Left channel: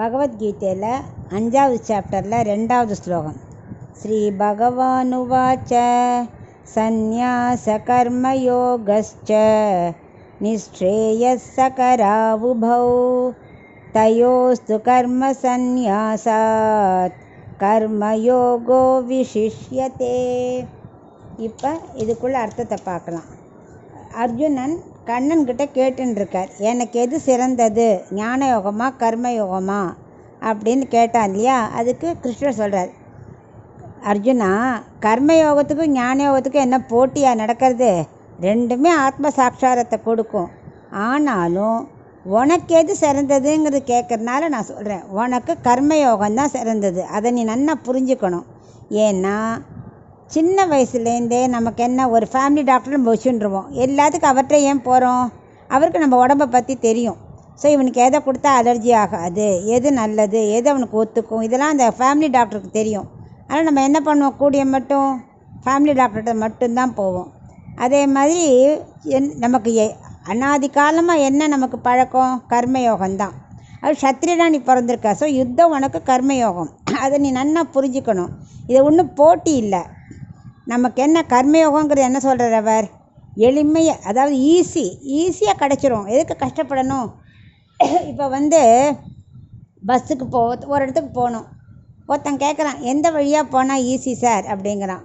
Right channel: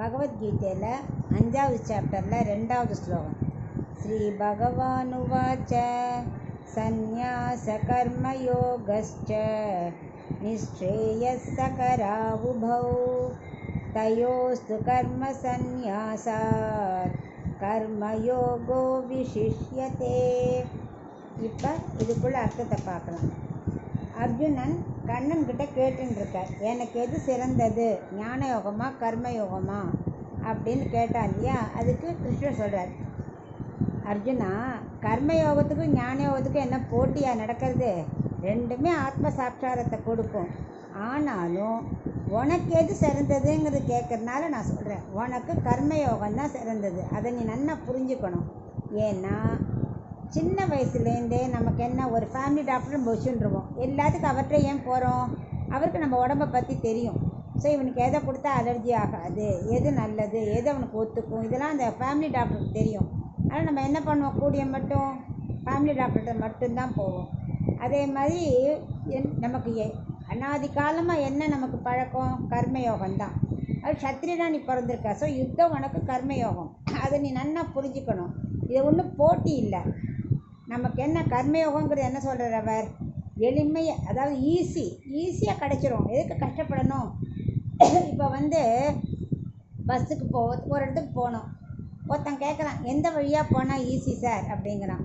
பகவத்கீதையில் 5வது சாப்டரில் 2வது ஸ்லோகம். ஸ்ரீ பகவானுவாச்ச சந்நியாச கர்மயோகஸ்ச நிஸ்ரேயஸ்ஸகராவுபௌ தயோஸ்து கர்ம சந்நியாசாத் கர்மயோகோ விசிஷ்யதே. இப்போ இதுக்குள்ள அர்த்தத்தை பார்க்கலாம். அர்ஜுனன் கண்ணன்கிட்ட கேட்டுருக்கார், எனக்கு எது சிறந்தது, ஞான யோகமா கர்மயோகமா அப்படின்னு கேட்டான் இல்லையா. அதுக்கு கிருஷ்ணர் சொல்கிறார், அர்ஜுனா, கர்மயோகத்துக்கும் ஞான யோகத்துக்கும் என்ன போட்டியாக நடக்கிறது? ரெண்டுமே ஆத்ம சாட்சாரத்தை கொடுக்கும். ஆனாலும் உனக்கு எது சிறந்ததுங்கிறது கேட்குறதுனால நான் சொல்கிறேன், உனக்கு கர்மயோகம்தான் சிறந்தது. அதை நீ நல்லா புரிஞ்சுக்கணும். ஏன்னா சின்ன வயசுலேருந்தே நமக்கு என்ன, ஒரு ஃபேமிலி டாக்டர் நம்ம வச்சுருவோம். எல்லாத்துக்கும் அவர்கிட்ட ஏன் போகிறோம்? அவருக்கு நம்ம உடம்பை பற்றி தெரியும். ஸோ இவனுக்கு எதை கொடுத்தா அலர்ஜி ஆகாது, எது நல்லது, எது அவனுக்கு ஒத்துக்கும், இதெல்லாம் அந்த ஃபேமிலி டாக்டருக்கு தெரியும். ஆனால் நம்ம என்ன பண்ணுவோம், கூடிய மட்டும் ஃபேமிலி டாக்டர்கிட்ட மட்டும்தான் போவோம். அதே மாதிரி நமக்கு அனாதி காலமாக என்ன நமக்கு பழக்கம்? கர்மயோகம்தான். அது சத்திரியனாக நீ பிறந்திருக்க. ஸோ யுத்தம் உனக்கு கர்மயோகம். அதை நீ நல்லா புரிஞ்சுக்கணும். இது ஒன்றும் போட்டி இல்லை. நமக்கு என்ன கர்மயோகங்கிறது என்ன சொல்கிறார் அவர்? எளிமையாக, அதாவது ஈஸியாக கிடச்சிரும். எதுக்கு கஷ்டப்படணும்? இப்போ பஸ்ஸுக்கு ஒரு இடத்துக்கு போகணும். ஒருத்தன் கேட்குறான், எந்த வழியாக போனால் ஈஸி சார் அப்படிங்கிறான்.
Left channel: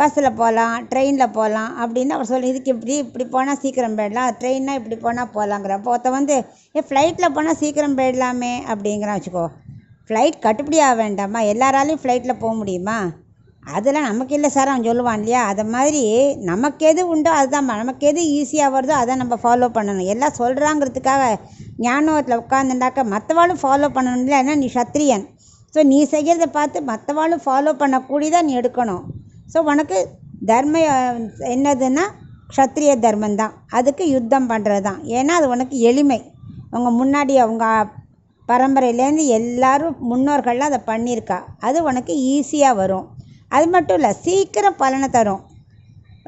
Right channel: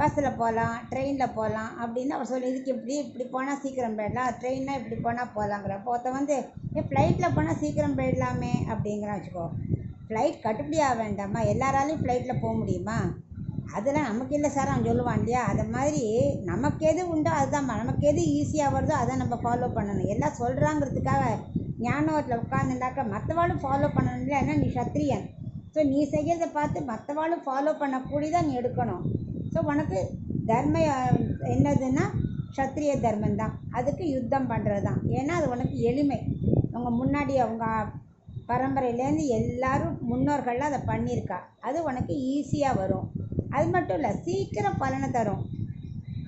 பஸ்ஸில் போகலாம், ட்ரெயினில் போகலாம் அப்படின்னு அவர் சொல்லி, இதுக்கு இப்படி போனால் சீக்கிரம் போயிடலாம், ட்ரெயின்னா இப்படி போனால் போகலாங்கிற. அப்போ ஒருத்தன் ஃப்ளைட்டில் போனால் சீக்கிரம் போயிடலாமே அப்படிங்கிறான் வச்சுக்கோ. ஃப்ளைட் கட்டுப்படியாக வேண்டாமா? எல்லாராலையும் ஃப்ளைட்டில் போக முடியுமா? அதெல்லாம் நமக்கு இல்லை சார் அவன் சொல்லுவான் இல்லையா. அதை மாதிரி நமக்கு எது உண்டோ அதுதான், நமக்கு எது ஈஸியாக வருதோ அதை நம்ம ஃபாலோ பண்ணணும். எல்லாம் சொல்கிறாங்கிறதுக்காக ஞானத்தில் உட்காந்துட்டாக்க மற்றவாளும் ஃபாலோ பண்ணணும் இல்லை. ஏன்னா நீ சத்திரியன். ஸோ நீ செய்கிறத பார்த்து மற்றவாளும் ஃபாலோ பண்ணக்கூடியதான் நீ எடுக்கணும். ஸோ உனக்கு தர்மம் என்னதுன்னா க்ஷத்ரிய தர்மந்தான். அதுக்கு யுத்தம் பண்ணுறது தான். ஏன்னா அது உனக்கு எளிமை. அவங்க முன்னாடி அவங்க பரம்பரையிலேருந்து எல்லாரும் முன்னோர்கள்லாம் அதை பண்ணியிருக்கா. அது உனக்கு ஈஸியாக வரும். அது மட்டும் இல்லை, சீக்கிரம் பலனை தரும்.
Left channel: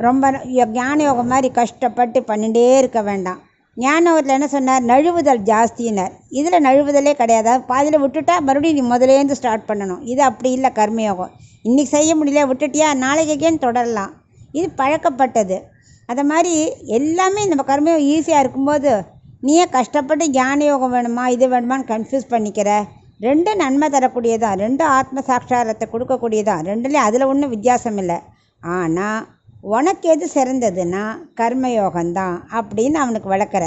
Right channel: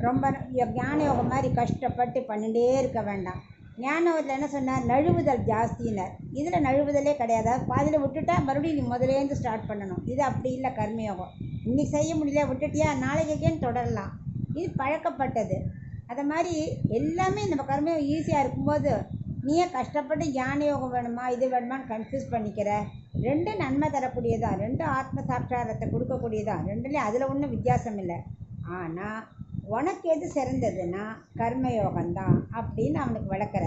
ரொம்ப ஞான யோகம் மாதிரி கஷ்டப்பட்டு பண்ணிகிட்டே இருக்க வேண்டாம். ஞான யோகத்தில் என்ன சொன்னார்? நழுவுதல் ஜாஸ்தினார். இதில் நழுவுதலே கிடையாது. பாதியில் விட்டுட்டா மறுபடியும் நீ முதலேருந்து ஸ்டார்ட் பண்ணணும். இது அப்படி இல்லை கர்மயோகம். இன்றைக்கி செய்ய முடியல விட்டுட்டியா, நாளைக்கேன்னு தொடரலாம். இது பழக்கப்பட்டது. அதை மாதிரி எல்லாமே நம்ம கர்மயோகம் ஈஸியாக இருக்கும்போது நீயே கஷ்டப்பட்டு ஞான யோகம் வேணுமா இது வேணுமான்னு கன்ஃபியூஸ் பண்ணிக்கிற. ரெண்டும் நன்மை தரக்கூடியதான், ரெண்டும் ஆத்ம சாட்சாரத்தை கொடுக்கக்கூடியதான். ரெண்டுலேயும் அதில் ஒன்றும் வித்தியாசம் இல்லை. ஆனால் உனக்கு எது சிறந்ததுன்னா கர்மயோகம்தான் அப்படின்னு அவனுக்கு விளக்குற.